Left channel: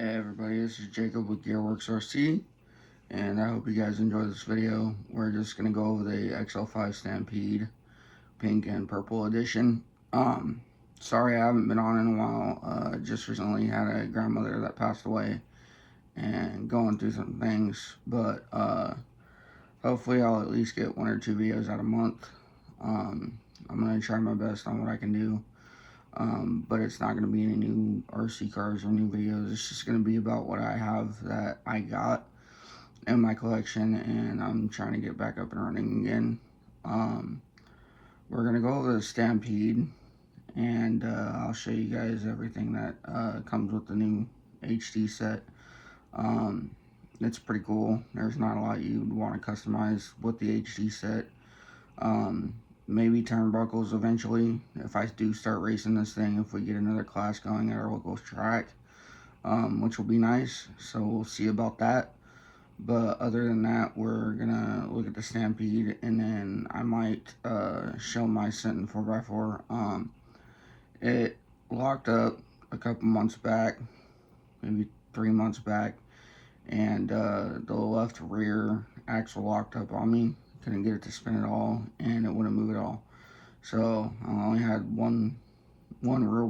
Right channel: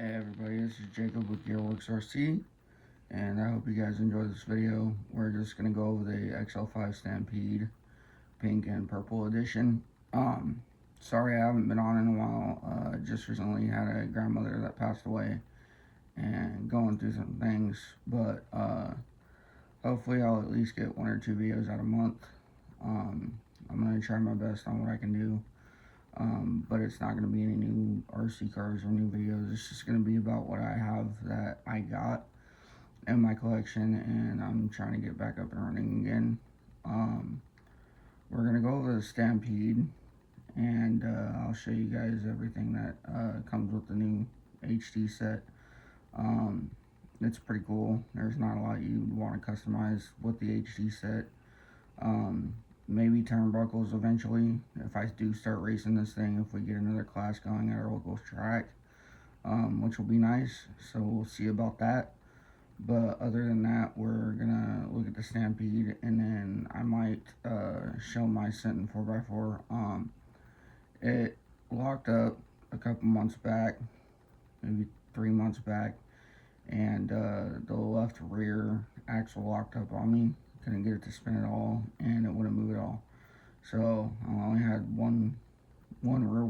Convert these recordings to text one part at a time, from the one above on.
Hey everybody, this is Jacob with Gearworks RC, and I hope you guys enjoy this video. We're just going to go over the Xl5 Stampede pink and purple edition. Sorry I haven't been on in a while. Just recently had a grandmother that passed away and going through some things, but hopefully I'll at least get 1 or 2 videos out a month. I'm going to try my best on what I can do. But it's not going to be any new RC cars or new videos. It's just going to be about what I have that I got in my collection, and I'm trying to get back up and running again. We're going to go over the Stampede, and I'll show you guys everything that comes with the new HD set. It's pretty cool. There's not a lot you'd want to customize with the HD set. Maybe turnbuckles eventually, if I do start racing this thing, if we get another class going at our local track, which will be nice, so we'll see about that. But other than that, we're gonna look at the Stampede, and then I might show my Sentin 4x4. It locked up a couple months back, maybe 3 months back, and the left rear axle locked up on me. Couldn't get it to spin at all, and it wouldn't move at all. So I only had one rear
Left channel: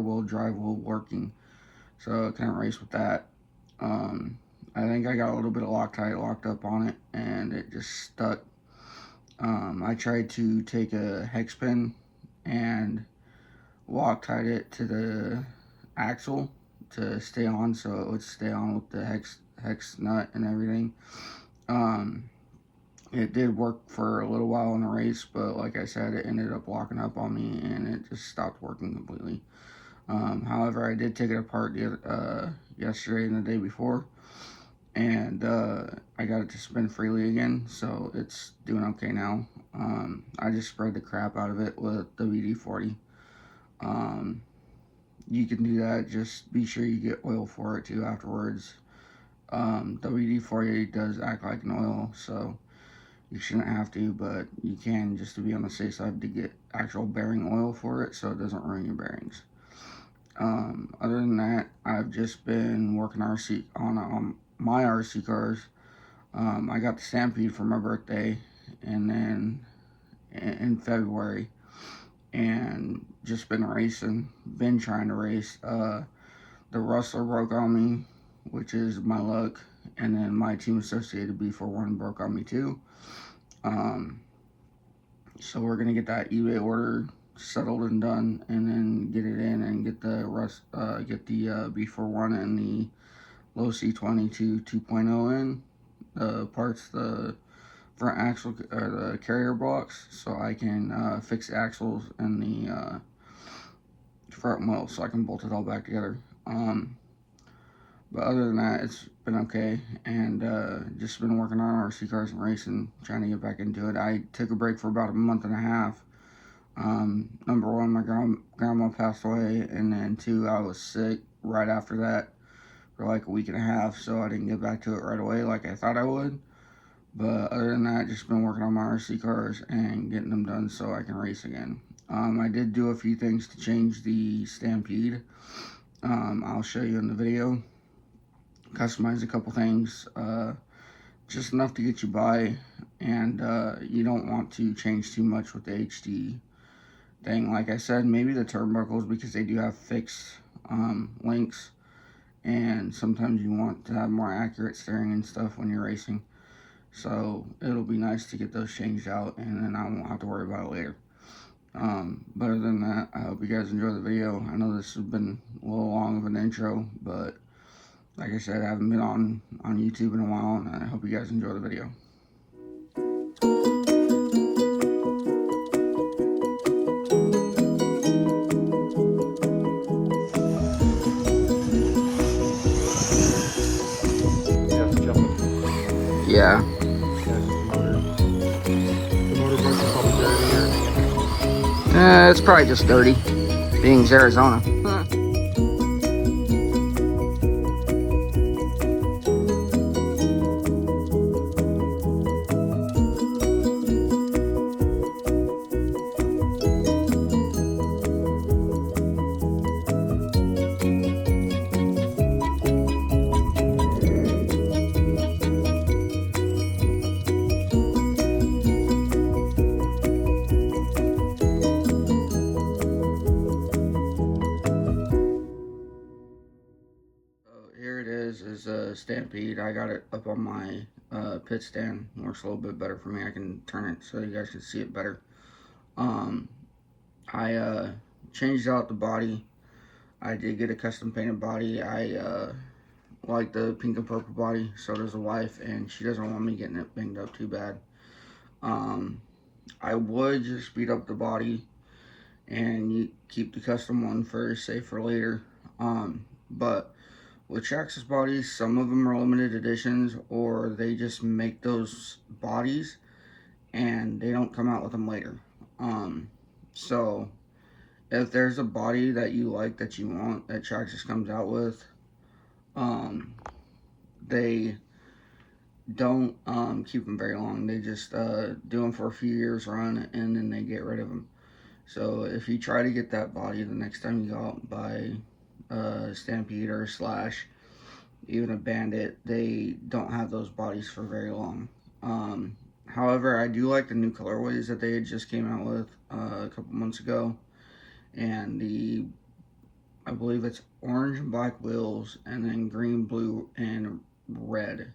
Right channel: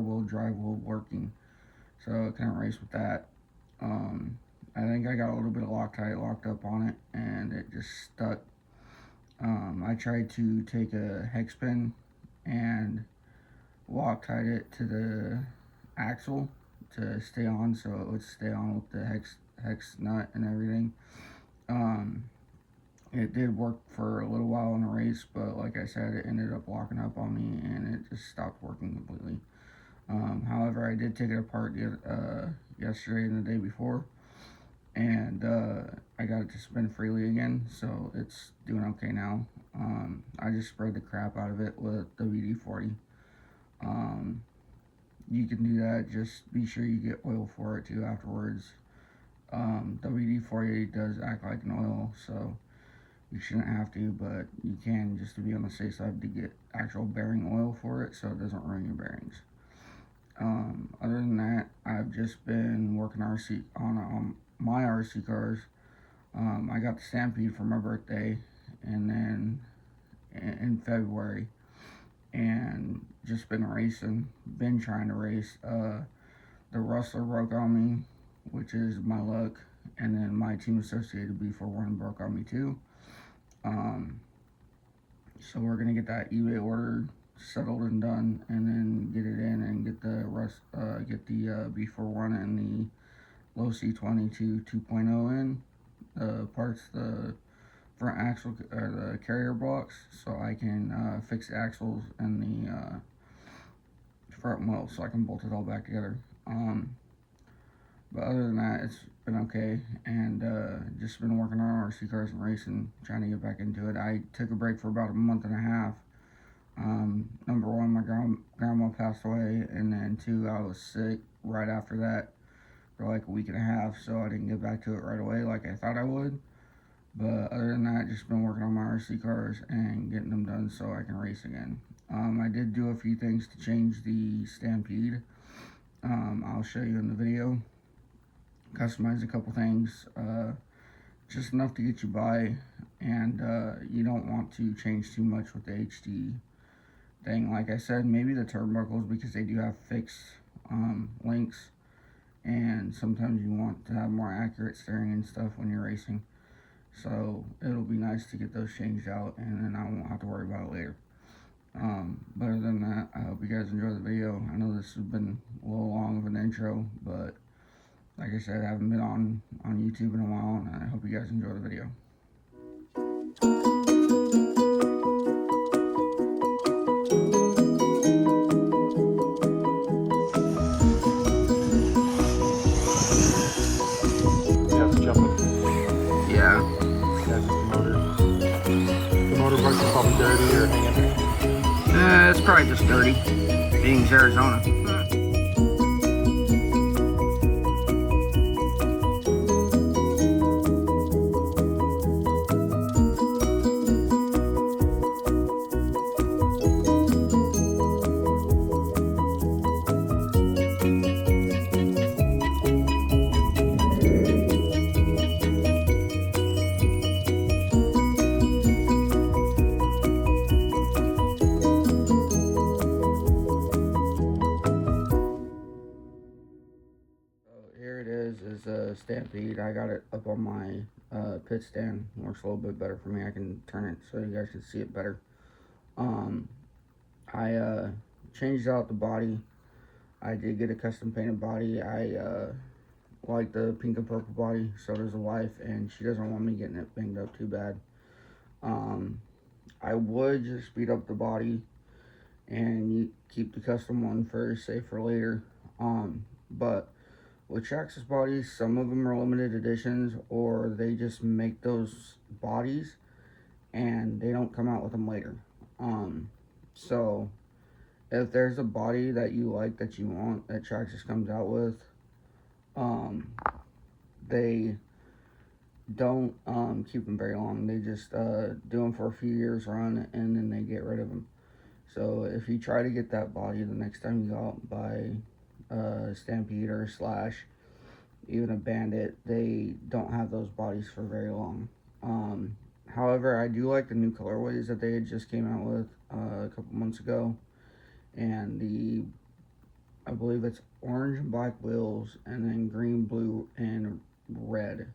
wheel drive wheel working, so I couldn't race with that. I think I got a little bit of Loctite locked up on it, and it just stuck. I tried to take a hex pin and Loctite it to the axle to stay on, so it would stay on with the hex nut and everything. It did work for a little while in the race, but like I said, it ended up locking up on me and it just stopped working completely. However, I did take it apart yesterday and the day before, and I got it to spin freely again, so it's doing okay now. I just spread the crap out of it with WD-40. You can do that, just be sure you get oil for it too afterwards. WD-40 does act like an oil, so you shouldn't have to, but you can, just to be on the safe side, to get actual bearing oil for it so it doesn't ruin your bearings. Other than that, I've just been working on my RC cars. I got the Stampede for my birthday, and then in February, and just been racing, been trying to race. The Rustler broke on me, which is my luck, and then my Team Associated B41 broke on me too. So we're gonna get that eBay order settled and done, and then get it in and get the B41 and the low C22 2.0 in. The parts, the front axle or the carrier blocks, so I can fix the axles and the front wheel, so I can bolt it all back together. But other than that, it's been okay, and just been working on RC cars and racing, trying to get back into it. I took a break for about a month and a half. Number one, my grandma passed away, and then 2, I was sick right after that for like a week and a half, so I didn't get back to it right away like I thought I would. But other than that, just been working on my RC cars and getting them done so I can race again. I did do a few things to change the Stampede. I'll show you in the video. Customize a couple things, just enough to get you by, and you don't want to change too much with the HD thing. Like I said, maybe the turnbuckles, because they do have fixed links, and sometimes you want to have more accurate steering and stuff when you're racing, so it'll be nice to get those changed out, and then I won't have to worry about it later. But other than that, I hope you guys enjoy the video. I know this has been a little long of an intro, but like I said, I haven't been on YouTube in a while, and I hope you guys enjoy the video. Yeah. The motorbike's probably dirty. It's probably just dirty, being Arizona. guys is a Stampede. I got it up on my pit stand. Works a little bit better for me. I can turn it so you guys can see it better. I changed out the body. I did get a custom painted body. I like the pink and purple body. So does the wife, and she doesn't want me getting it banged up too bad. I would just speed up the body and you keep the custom one for say for later. But with Traxxas bodies, some of them are limited editions, or they just make those bodies and they don't come out with them later. So if there's a body that you like, that you want, that Traxxas comes out with, they don't keep them very long. They just do them for a few years run, and then they get rid of them. So if you try to get that body the next time you go out and buy a Stampede or a Slash, even a Bandit, they don't have those bodies for very long. However, I do like the new colorways that they had just came out with a couple months ago, and I believe it's orange and black wheels, and then green, blue, and red.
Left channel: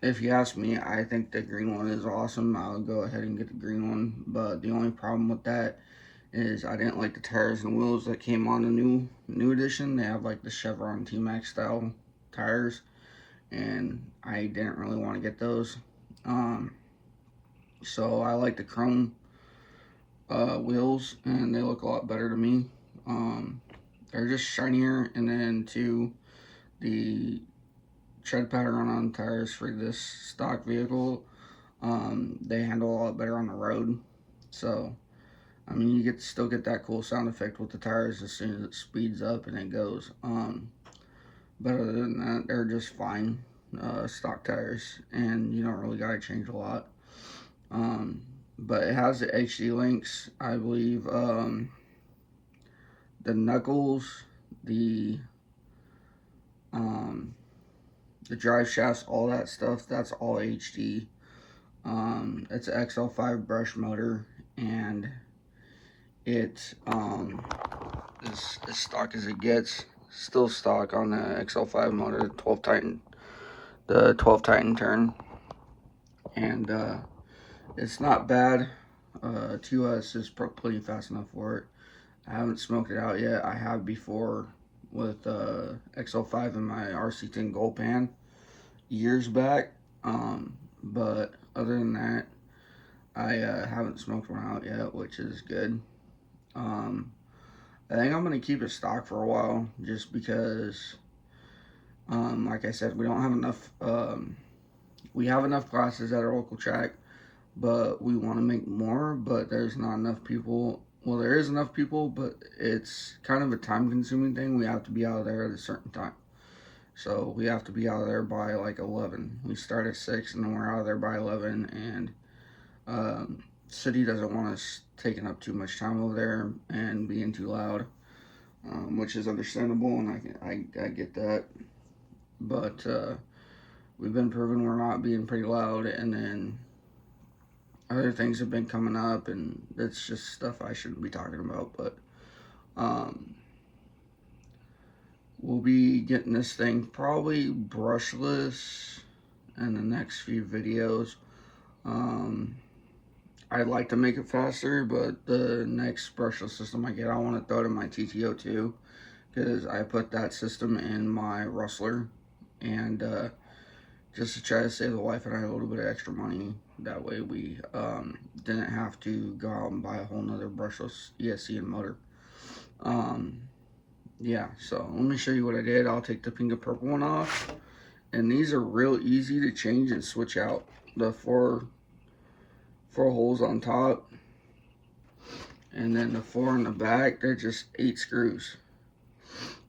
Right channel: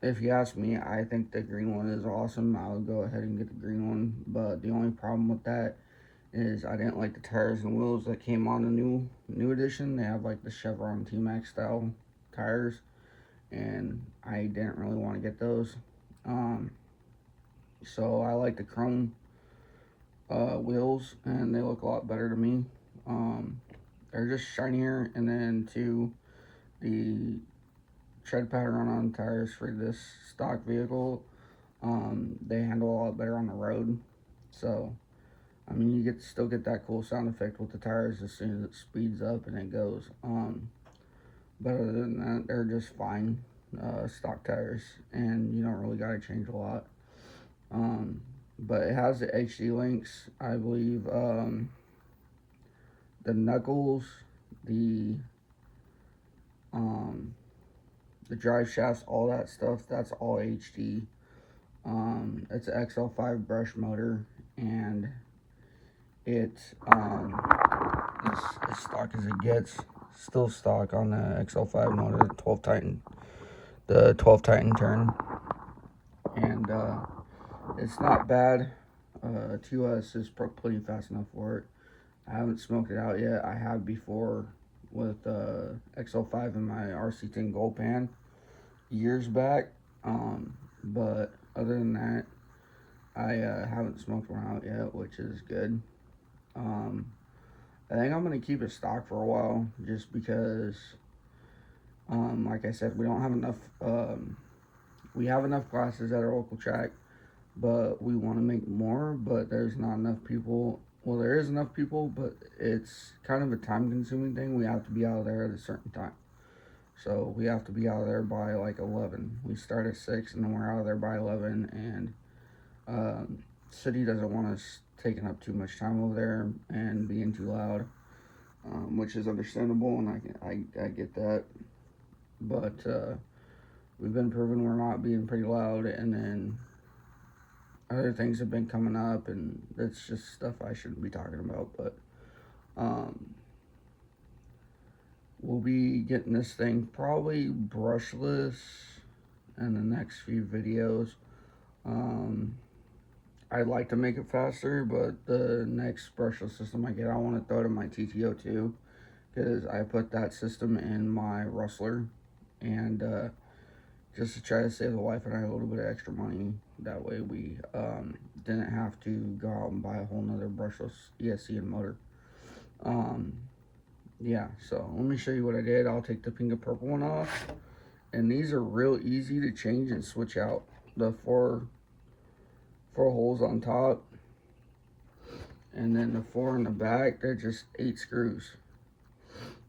If you ask me, I think the green one is awesome. I'll go ahead and get the green one, but the only problem with that is I didn't like the tires and wheels that came on the new edition. They have like the Chevron T-Max style tires, and I didn't really want to get those. So I like the chrome wheels, and they look a lot better to me. They're just shinier, and then too, the tread pattern on tires for this stock vehicle, they handle a lot better on the road. So I mean, you still get that cool sound effect with the tires as soon as it speeds up and it goes. But other than that, they're just fine stock tires, and you don't really gotta change a lot. But it has the HD links, I believe. The knuckles, the drive shafts, all that stuff, that's all HD. It's an XL5 brush motor, and it's as stock as it gets. Still stock on the XL5 motor, the 12 Titan turn, and it's not bad. 2S is pretty fast enough for it. I haven't smoked it out yet. I have before with XL5 in my RC10 Gold Pan years back, but other than that, I haven't smoked one out yet, which is good. I think I'm going to keep it stock for a while, just because, like I said, we don't have enough, we have enough classes at our local track, but we want to make more, but there's not enough people. Well, there is enough people, but it's kind of a time-consuming thing. We have to be out there at a certain time. So we have to be out there by like 11. We start at 6, and then we're out there by 11, and city doesn't want us taking up too much time over there and being too loud, which is understandable, and I get that. But we've been proven we're not being pretty loud, and then other things have been coming up, and it's just stuff I shouldn't be talking about. But we'll be getting this thing probably brushless in the next few videos. I'd like to make it faster, but the next brushless system I get, I want to throw it in my TTO2, because I put that system in my Rustler, and just to try to save the wife and I a little bit of extra money. That way we didn't have to go out and buy a whole nother brushless ESC and motor. Yeah, so let me show you what I did. I'll take the pink and purple one off, and these are real easy to change and switch out. The four holes on top, and then the 4 in the back, they're just 8 screws.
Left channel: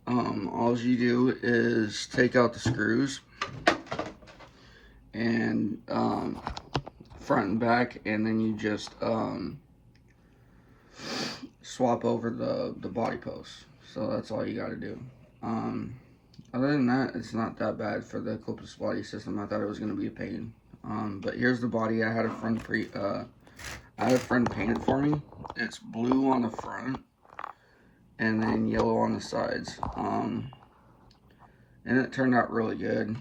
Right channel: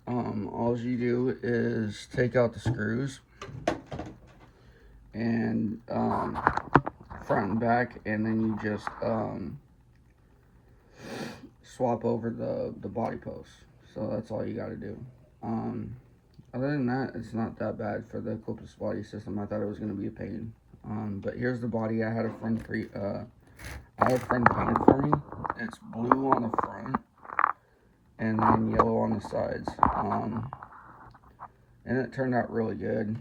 All you do is take out the screws, and front and back, and then you just swap over the body posts. So that's all you got to do. Other than that, it's not that bad for the clipless body system. I thought it was going to be a pain. But here's the body. I had a friend painted for me. It's blue on the front, and then yellow on the sides. and it turned out really good.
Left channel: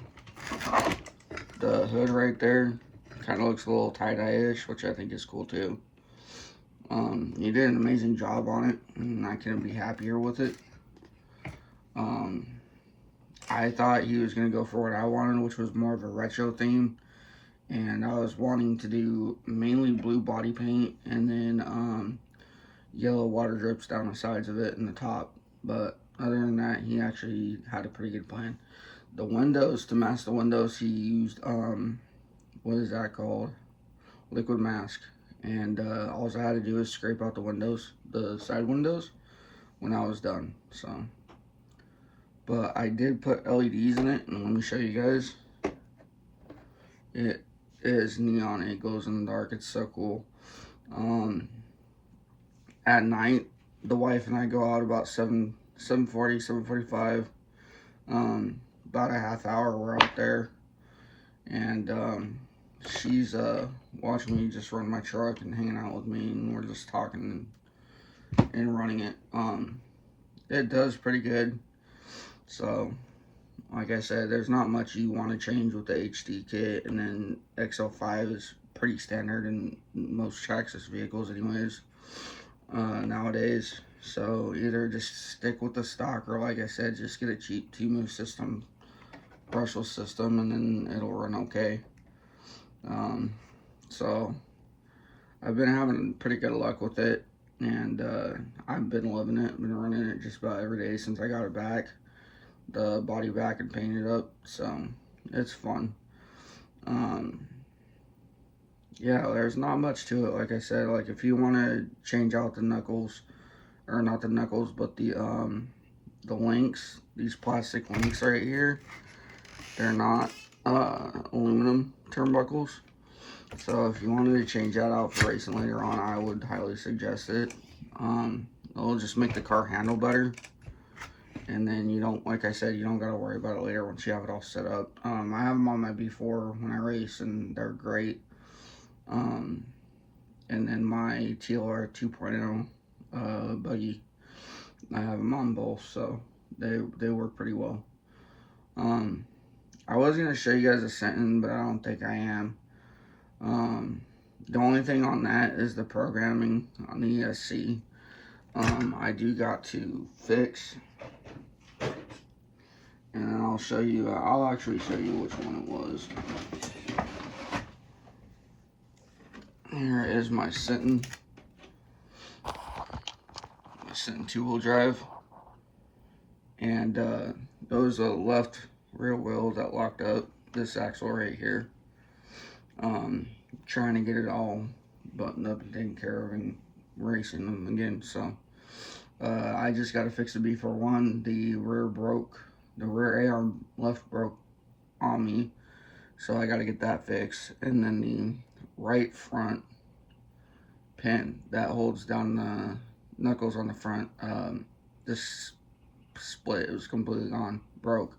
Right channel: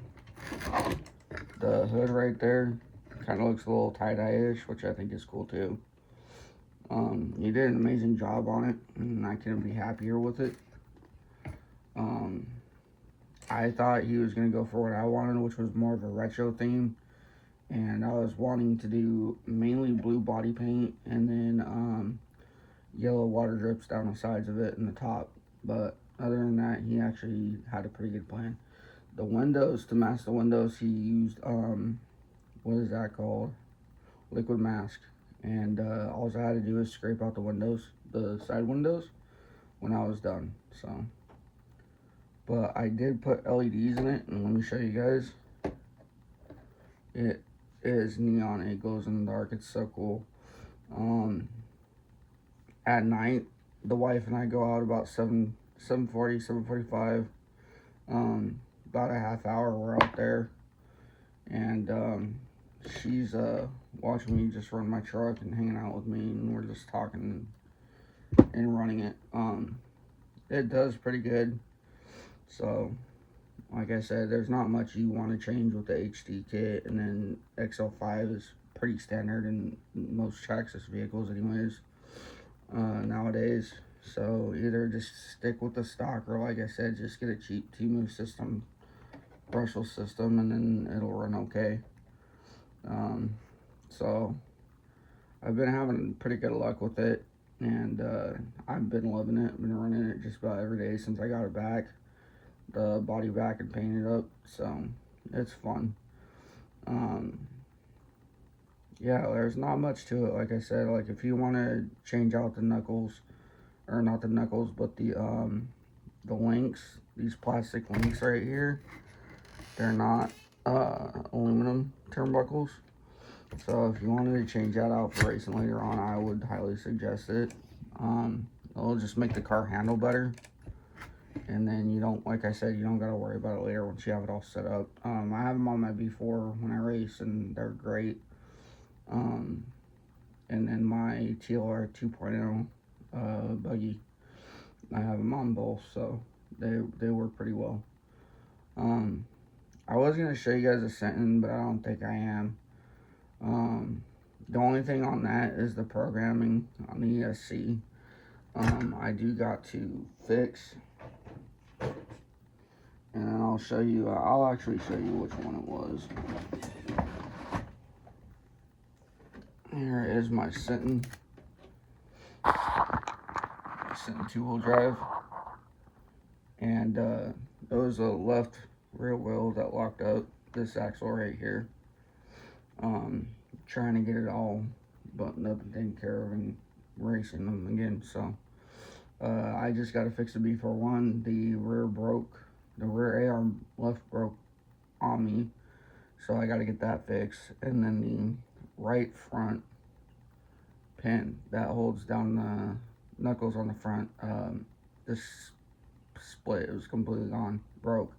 The hood right there kind of looks a little tie-dye-ish, which I think is cool too. He did an amazing job on it, and I couldn't be happier with it. I thought he was going to go for what I wanted, which was more of a retro theme, and I was wanting to do mainly blue body paint and then yellow water drips down the sides of it and the top. But other than that, he actually had a pretty good plan. The windows, to mask the windows, he used what is that called? Liquid mask. And all I had to do is scrape out the windows, the side windows, when I was done. So, but I did put LEDs in it, and let me show you guys. It is neon. It glows in the dark. It's so cool. At night, the wife and I go out about 7:40, 7:45. About a half hour we're out there, and she's watching me just run my truck and hanging out with me, and we're just talking and running it. It does pretty good. So, like I said, there's not much you want to change with the HD kit, and then Xl5 is pretty standard in most Traxxas vehicles anyways, nowadays. So either just stick with the stock, or like I said, just get a cheap T-Move system, brushless system, and then it'll run okay. So I've been having pretty good luck with it, and I've been loving it. Been running it just about every day since I got it back, the body back and painted up. So it's fun. Yeah, there's not much to it. Like I said, like if you want to change out the knuckles, or not the knuckles, but the links, these plastic links right here, they're not aluminum turnbuckles. So if you wanted to change that out for racing later on, I would highly suggest it. It'll just make the car handle better, and then you don't, like I said, you don't got to worry about it later once you have it all set up. I have them on my B4 when I race, and they're great. And then my TLR 2.0 buggy, I have them on both, so they work pretty well. I was going to show you guys a sentence, but I don't think I am. The only thing on that is the programming on the ESC. I do got to fix, and then I'll show you, I'll actually show you which one it was. Here is my Sinton two-wheel drive, and there was a left rear wheel that locked up this axle right here. Trying to get it all buttoned up and taken care of and racing them again. So I just got to fix the B41. The rear broke, the rear A-arm left broke on me, so I got to get that fixed. And then the right front pin that holds down the knuckles on the front, this split, it was completely gone, broke.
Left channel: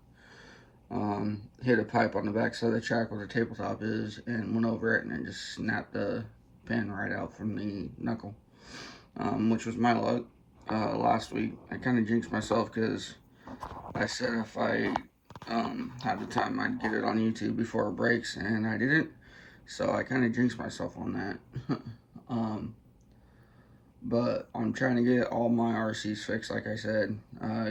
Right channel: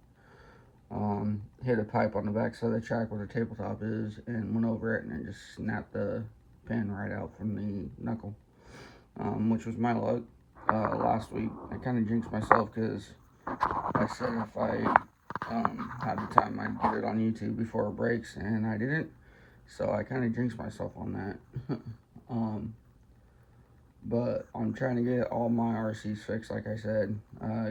Hit a pipe on the back side of the track where the tabletop is, and went over it, and it just snapped the pin right out from the knuckle, which was my luck. Last week I kind of jinxed myself, because I said if I had the time I'd get it on YouTube before it breaks, and I didn't, so I kind of jinxed myself on that. But I'm trying to get all my RCs fixed, like I said,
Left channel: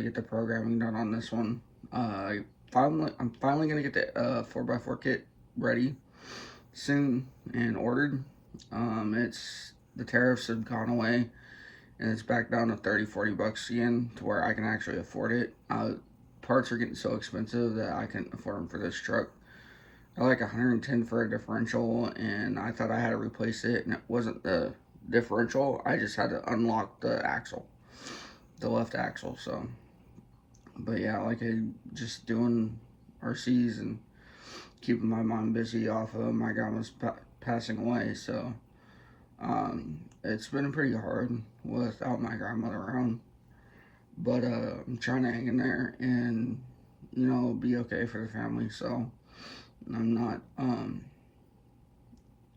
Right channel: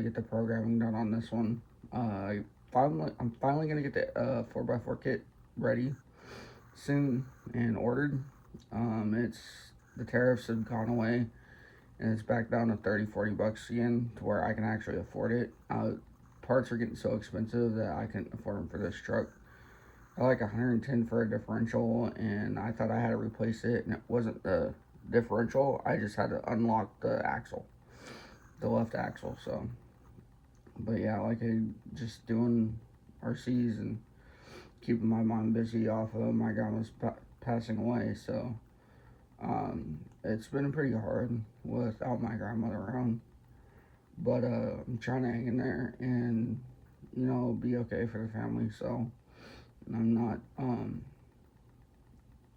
get the programming done on this one. I'm finally gonna get the 4x4 kit ready soon and ordered. It's, the tariffs have gone away, and it's back down to 30-40 bucks again, to where I can actually afford it. Parts are getting so expensive that I couldn't afford them for this truck. I like 110 for a differential, and I thought I had to replace it, and it wasn't the differential. I just had to unlock the axle, the left axle. So, but yeah, like just doing RCs and keeping my mom busy off of my grandma's passing away. So it's been pretty hard without my grandmother around, but I'm trying to hang in there and, you know, be okay for the family. So I'm not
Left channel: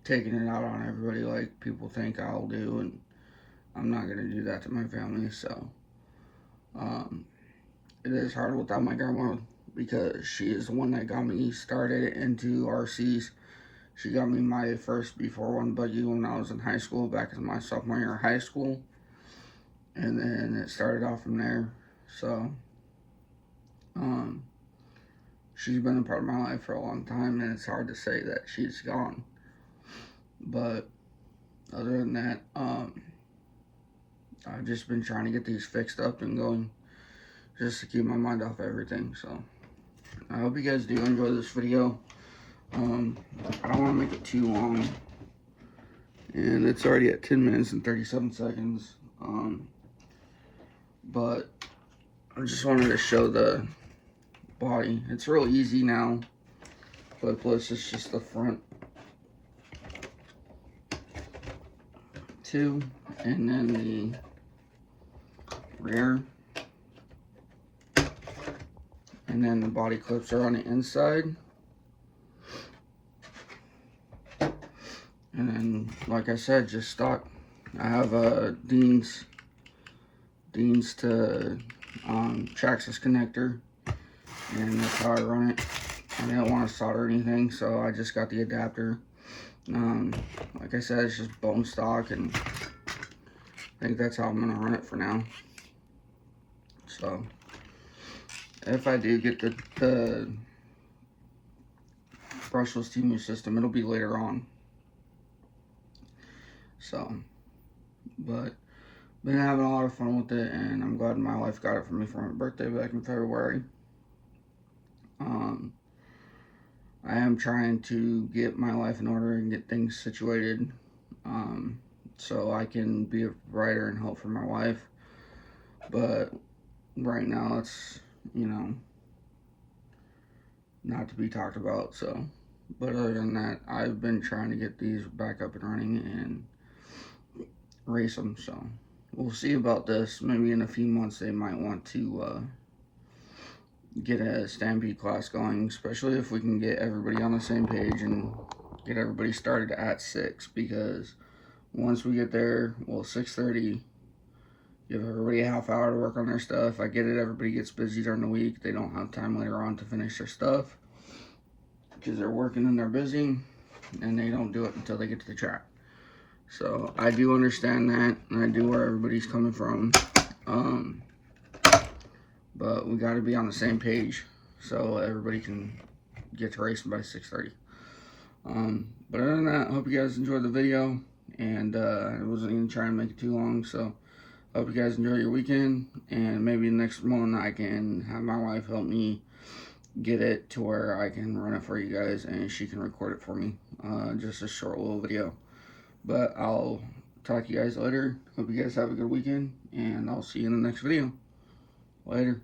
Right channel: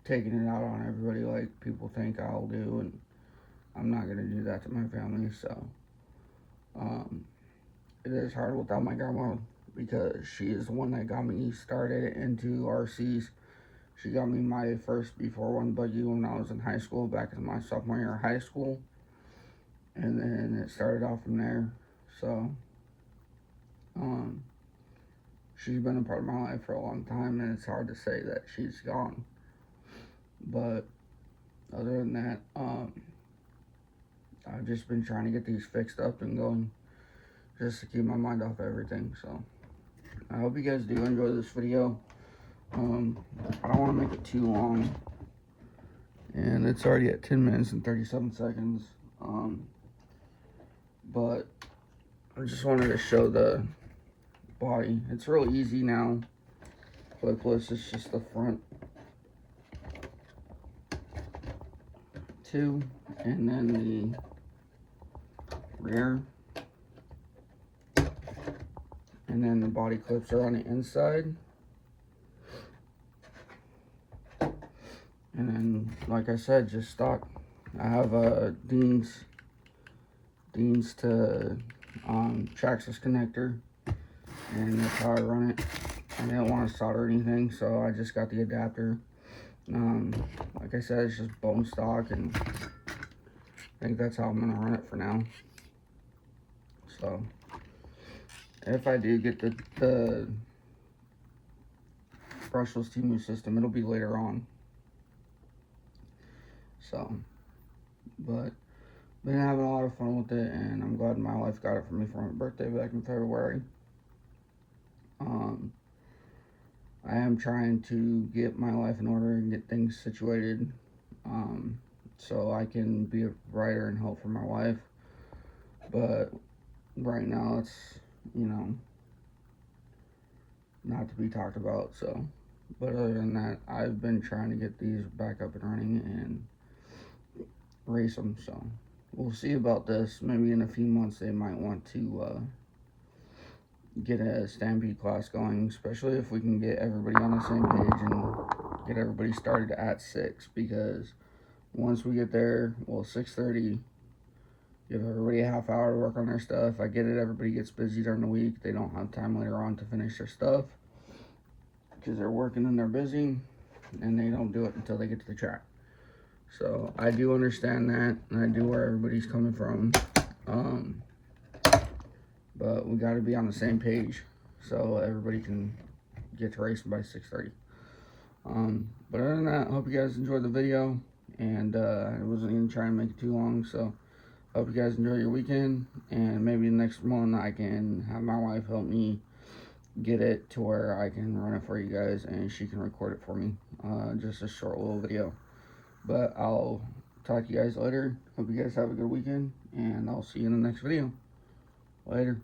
taking it out on everybody like people think I'll do, and I'm not going to do that to my family. So it is hard without my grandma because she is the one that got me started into RCs. She got me my first B41 buggy when I was in high school, back in my sophomore year of high school. And then it started off from there. So, she's been a part of my life for a long time, and it's hard to say that she's gone. But other than that, I've just been trying to get these fixed up and going, just to keep my mind off everything. So I hope you guys do enjoy this video. I don't want to make it too long, and it's already at 10 minutes and 37 seconds. But I just wanted to show the body. It's real easy now. Clipless, it's just the front two, and then the rear, and then the body clips are on the inside. And then, like I said, just stock. I have a Dean's to Traxxas connector, and that's how I run it. I didn't want to solder anything, so I just got the adapter. Like I said, it's just bone stock, and I think that's how I'm gonna run it for now. So if I do get the brushless TV system, it'll be later on. So, but been having a lot of fun with it, and I'm glad my wife got it for me for my birthday back in February. I am trying to get my life in order and get things situated, so I can be a provider and help for my wife. But right now, it's, you know, not to be talked about. So, but other than that, I've been trying to get these back up and running and race them. So we'll see about this. Maybe in a few months they might want to get a Stampede class going, especially if we can get everybody on the same page and get everybody started at 6, because once we get there, well, 6:30, give everybody a half hour to work on their stuff. I get it, everybody gets busy during the week. They don't have time later on to finish their stuff because they're working and they're busy, and they don't do it until they get to the track. So I do understand that, and I do where everybody's coming from. But we got to be on the same page so everybody can get to racing by 6:30. But other than that, I hope you guys enjoyed the video, and I wasn't even trying to make it too long. So I hope you guys enjoy your weekend, and maybe next one I can have my wife help me get it to where I can run it for you guys, and she can record it for me. Just a short little video. But I'll talk to you guys later. Hope you guys have a good weekend, and I'll see you in the next video. Later.